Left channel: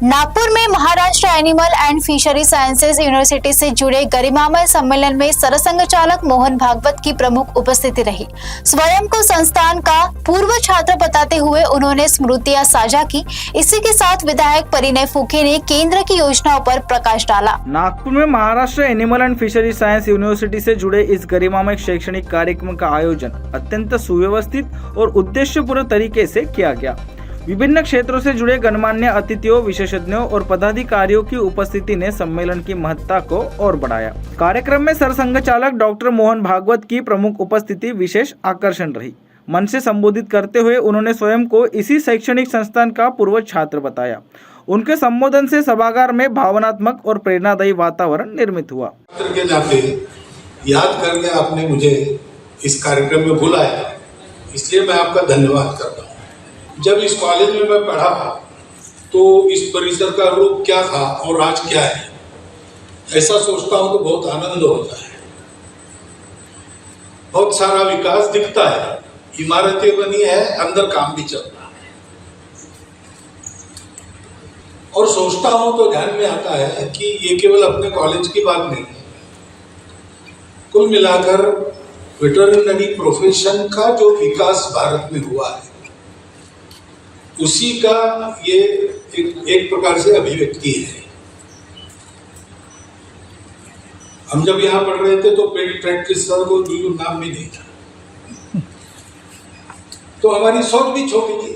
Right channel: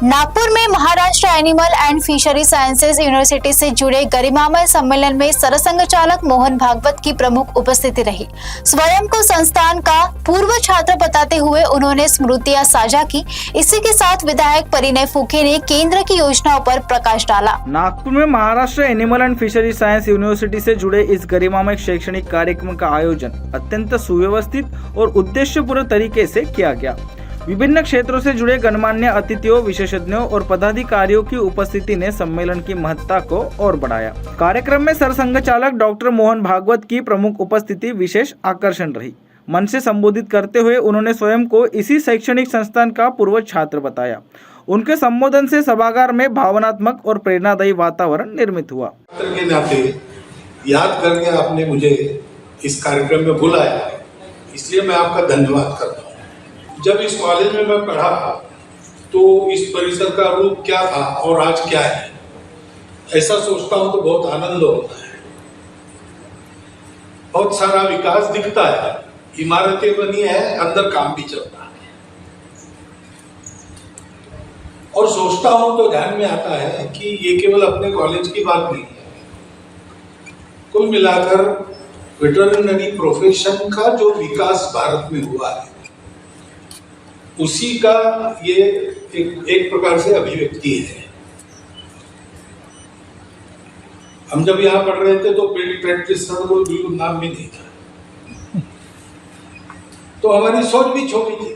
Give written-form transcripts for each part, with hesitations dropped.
नागपुर में Maharashtra animal and fishery sciences university से जुड़े गरिमामय सम्मेलन में सरसंघ चालक मोहन भागवत की प्रमुख उपस्थिति रही। स्वयं को संस्थान का पूर्व छात्र बताते हुए उन्होंने स्मृतियां साझा की। इसी के साथ विधायक परिणय फुके ने केंद्र की योजनाओं पर प्रकाश डाला। नागपुर में Maharashtra animal and fishery science university से जुड़े इस गरिमामय शैक्षणिक कार्यक्रम का आयोजन अत्यंत सुव्यवस्थित और उद्देश्यपूर्ण तरीके से किया गया। विभिन्न क्षेत्रों से जुड़े गणमान्य अतिथियों, विशेषज्ञों और पदाधिकारियों की उपस्थिति ने सम्मेलन की महत्ता को और बढ़ाया। कार्यक्रम में सरसंघ चालक डॉक्टर मोहन भागवत की प्रमुख उपस्थिति विशेष आकर्षण रही। मन से संबोधित करते हुए उन्होंने स्वयं को इसी शैक्षणिक संस्थान का पूर्व छात्र बताया। उनके संबोधन से सभागार में भावनात्मक और प्रेरणादायी वातावरण निर्मित हुआ। के नाते याद करके आपने मुझे इस कार्यक्रम में बुलाया, इसलिए मैं आपका धन्यवाद करता हूँ। जब इस कॉलेज में मैं पढ़ा तो इस परिसर का रूप क्या था और आज क्या है, ऐसा सोचता हूँ तो बहुत आनंद होता है। बहुत सारा विकास दिखता है, इमारतें बनी है, अंदर काम भी चल रहा है। और सोचता हूँ तो ध्यान में आता है कि ये केवल अपने कॉलेज की बात नहीं है। कुल मिलाकर वेटरनरी प्रोफेशन का जो विकास भारत में हुआ है, उसी का ये एक प्रकार से अभिव्यक्ति है। हम जब यहाँ पढ़ रहे थे तो पेट प्रैक्टिशनर को बिल्कुल नाम भी नहीं था, तो हमारी सोच भी छोटी थी।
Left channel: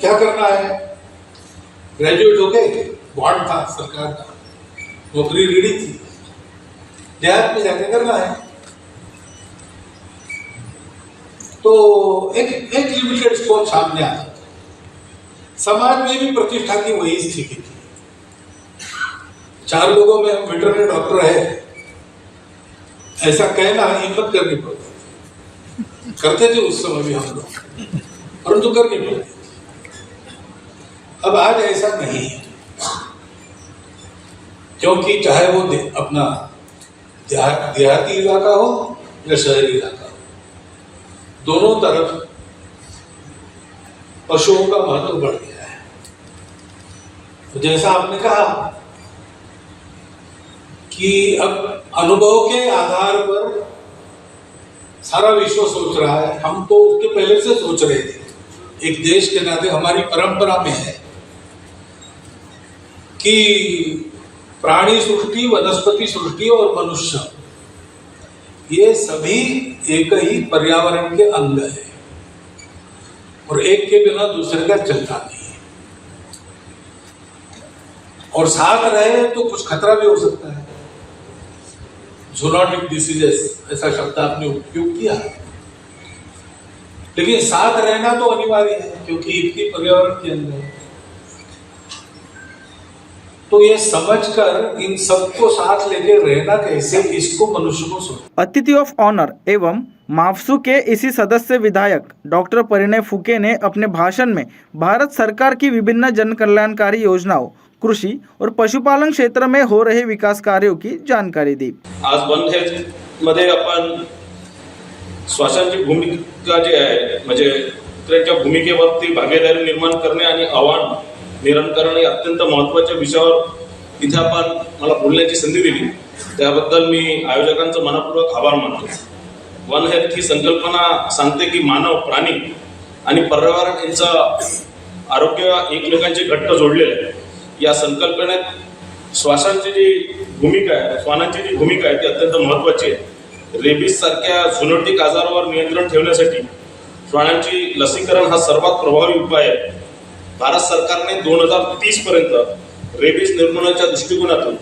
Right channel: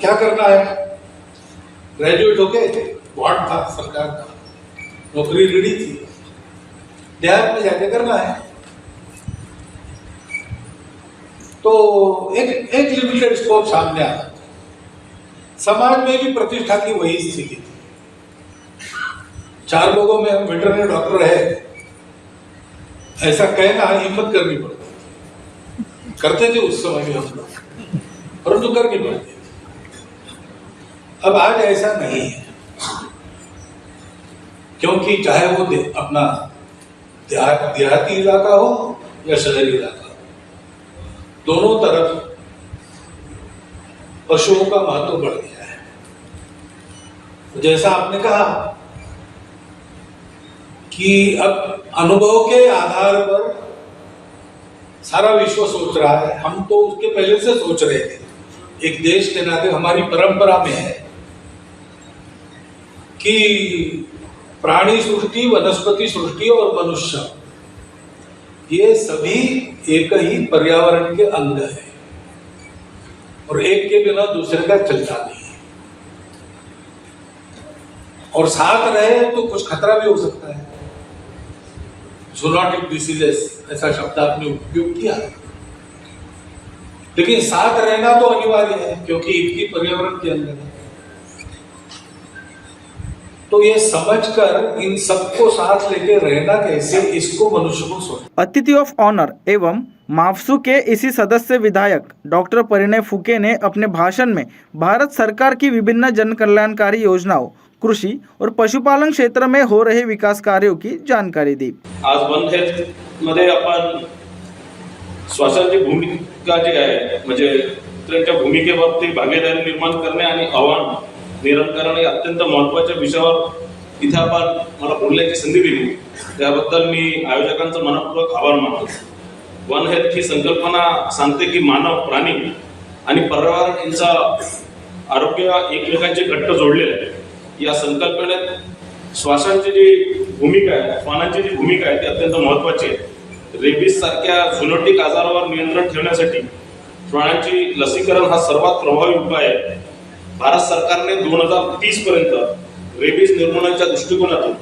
क्या करना है, ग्रेजुएट होके बॉन्ड था सरकार का, नौकरी रेडी थी, देहात में जाके करना है। तो एक लिमिटेड स्कोप सामने आता था। समाज में भी प्रतिष्ठा की वही स्थिति थी। 4 लोगों में हम वेटरनरी डॉक्टर है, ऐसा कहना हिम्मत करनी पड़ती थी। करते थे उस समय भी हम लोग, परंतु करनी पड़ती थी। अब आज ऐसा नहीं है, क्योंकि चाहे वो अपना देहाती इलाका हो या शहरी इलाका, दोनों तरफ पशुओं का महत्व बढ़ गया है। तो जैसा आपने कहा कि अब अनुभव के आधार पर सारा विश्व सोच रहा है, हम तो उसके पहले से सोच रहे थे। एक देश के नाते हमारी परंपरा में है कि प्राणी सृष्टि, वनस्पति सृष्टि और मनुष्य, ये सभी एक ही पर्यावरण के अंग है और एक के बिना दूसरे का चलता नहीं है। और साथ रहे तो कुछ खतरा भी हो सकता है। जूनोटिक डिसीजेस ऐसा शब्द आपने उपयोग किया है, लेकिन साथ रहना तो अनिवार्य है, क्योंकि एक ही पर्यावरण के अंग है। तो ये समझकर इन सबको साथ लेके रहना कैसे, इसको मनुष्य को सोच। अतिथि ऑफ ऑनर एवं माफसू के इसी सदस्य विधायक डॉक्टर परिणय फुके ने अपने भाषण में भारत सरकार की विभिन्न जन कल्याणकारी योजनाओं, कृषि और पशुपालन क्षेत्र में हो रहे विकास कार्यों की जानकारी दी। आज वन हेल्थ मध्ये आपण श्वासांची भूमिका जी आहे, म्हणजे त्यांच्या भूमिकेवरती भागीदारी निर्माण करणे आणि आव्हान निराकरण या अत्यंत महत्त्वाच्या विषयावर इथे आपण मला बोलण्याची संधी दिली, त्याबद्दल मी आयोजकांचं मनपूर्वक आभार मानतो। वन हेल्थ ही संकल्पना सांगते की मानव, प्राणी आणि पर्यावरण यांचं आरोग्य एक लोकांचे घट्ट जोडलेले आहे। या संकल्पनेत श्वासांची जी भूमिका आहे, श्वानांची जी भूमिका आहे ती अत्यंत महत्त्वाची आहे। रेबीज सारख्या झुनोटिक आजारावर नियंत्रण ठेवण्यासाठी श्वानांची लसीकरण हा सर्वात प्रभावी उपाय आहे। भारत सरकारने 2030 पर्यंत रेबीज निर्मूलनाच्या दृष्टिकोनातून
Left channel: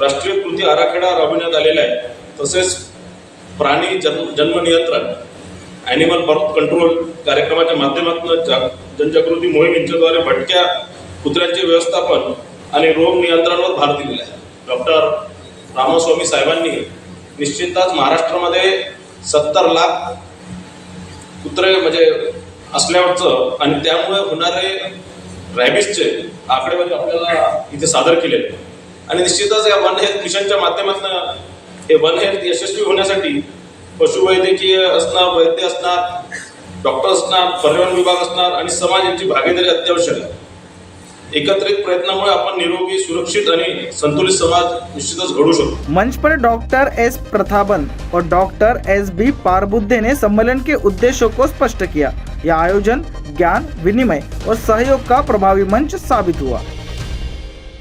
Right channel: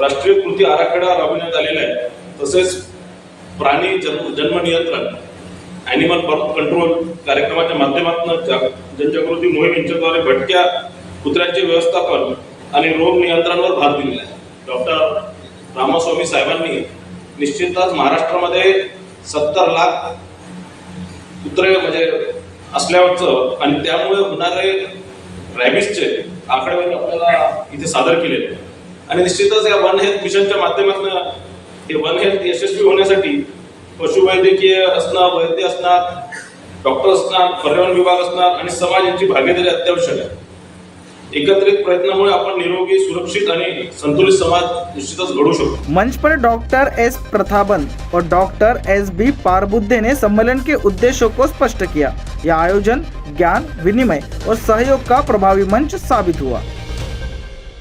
राष्ट्रीय कृती आराखडा राबविण्यात आलेला आहे। तसेच प्राणी जन्म नियंत्रण, ॲनिमल बर्थ कंट्रोल कार्यक्रमाच्या माध्यमातून जनजागृती मोहीम यांच्याद्वारे भटक्या कुत्र्यांचे व्यवस्थापन आणि रोग नियंत्रणावर भर दिलेला आहे। डॉक्टर रामास्वामी साहेबांनी निश्चितच महाराष्ट्रामध्ये 70 लाख कुत्रे म्हणजे असल्याचं आणि त्यामुळे होणारे रॅबिसचे आकडेवारी आपल्याला इथे सादर केले आणि निश्चितच या वन हेल्थ मिशनच्या माध्यमातून हे वन हेल्थ यशस्वी होण्यासाठी पशुवैद्यकीय असणार, वैद्य असणार, डॉक्टर असणार, पर्यावरण विभाग असणार आणि समाज यांची भागीदारी अत्यावश्यक आहे। एकत्रित प्रयत्नामुळे आपण निरोगी, सुरक्षित आणि संतुलित समाज निश्चितच घडू शकतो. मंच पर डॉक्टर एस प्रतापन और डॉक्टर एस बी पारबुद्धे ने सम्मेलन के उद्देश्यों को स्पष्ट किया. यह आयोजन ज्ञान विनिमय और सहयोग का प्रभावी मंच साबित हुआ.